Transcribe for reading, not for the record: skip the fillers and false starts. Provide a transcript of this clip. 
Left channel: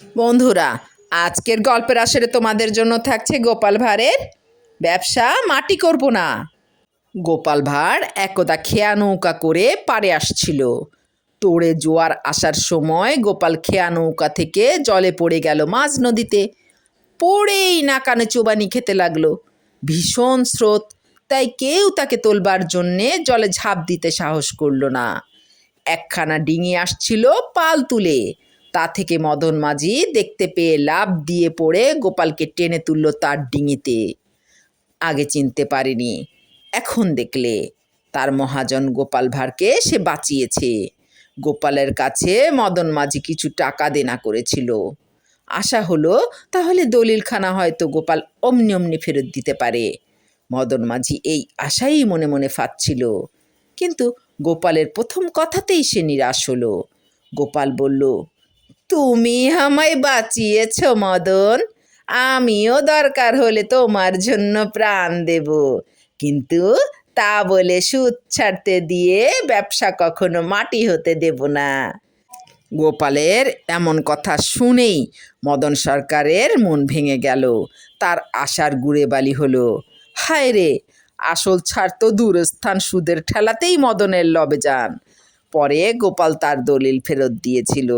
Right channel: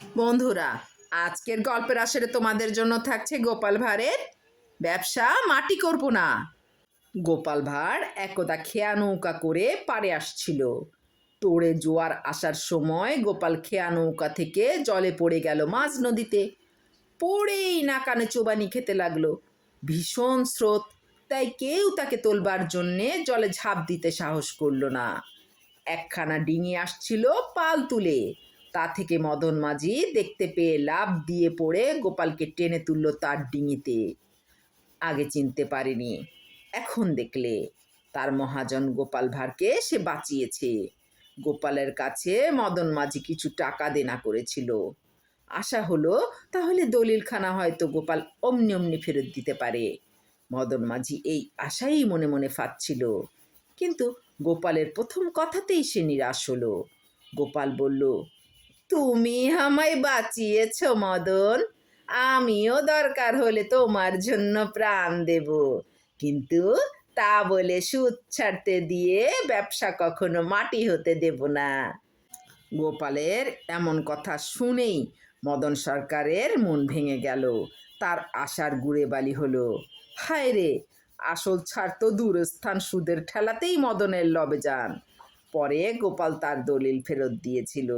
বন্ধুরা, আজকের গল্পের আসরে তোমাদের জন্য থাকছে গোপাল ভাঁড়ের ব্যবসা মাটি করব না। গোপাল ভাঁড় একদা খেয়া নৌকা করে পাড়ে আসছিল। তোড়ে জোয়ার আসার সময় গোপাল খেয়া নৌকা থেকে জলে পড়ে গেল মাঝ নদীতে। পড়েই নাকানে চোবানি খেতে লাগলো। ভীষণ স্রোত, তাই কেউ তাকে তোলবার জন্যে জলে ঝাঁপ দিতে সাহস করলো না। একখানা ডিঙি আসছিল পাল তুলে, তা থেকে মদন মাঝি দেখতে পেয়ে লাফ দিয়ে পড়ে গোপালকে টেনে তুলল তার ডিঙিতে। আগে চিনতে পারেনি, এখন দেখলে তার মহাজন গোপাল ভাঁড়কে সে বাঁচিয়েছে। গোপালের কাছে মদন মাঝি কিছু টাকা দেনা করেছিল। আশা হলো তাহলে দলিলখানা হয়তো গোপাল অমনি অমনি ফেরত দিতে পারে। মদন মাঝি এই আশাই মনে মনে ফাঁদছিল, কিন্তু গোপালের প্রথম কথাতেই সে নিরাশ হলো। গোপাল বলল, তুমি আমায় বাঁচিয়েছ মদন, আমিও দরকার হলে তোমার জন্য প্রাণ দেব, কিন্তু তা বলে সুদ ছাড়তে দিয়ে ব্যবসা কখনো মাটি হতে দেব না। গোপালের এমন কথা শুনেই মদন সরকারের মন ভেঙে গেল। তার আশার গুড়ে বালি হলো। হায় রে, আসল ছাড় তো দূরস্থান সুদের ঠেলাতেই মদনের লবে যান। পরে গোপাল তার দলিল ফেরত দিয়েছিল।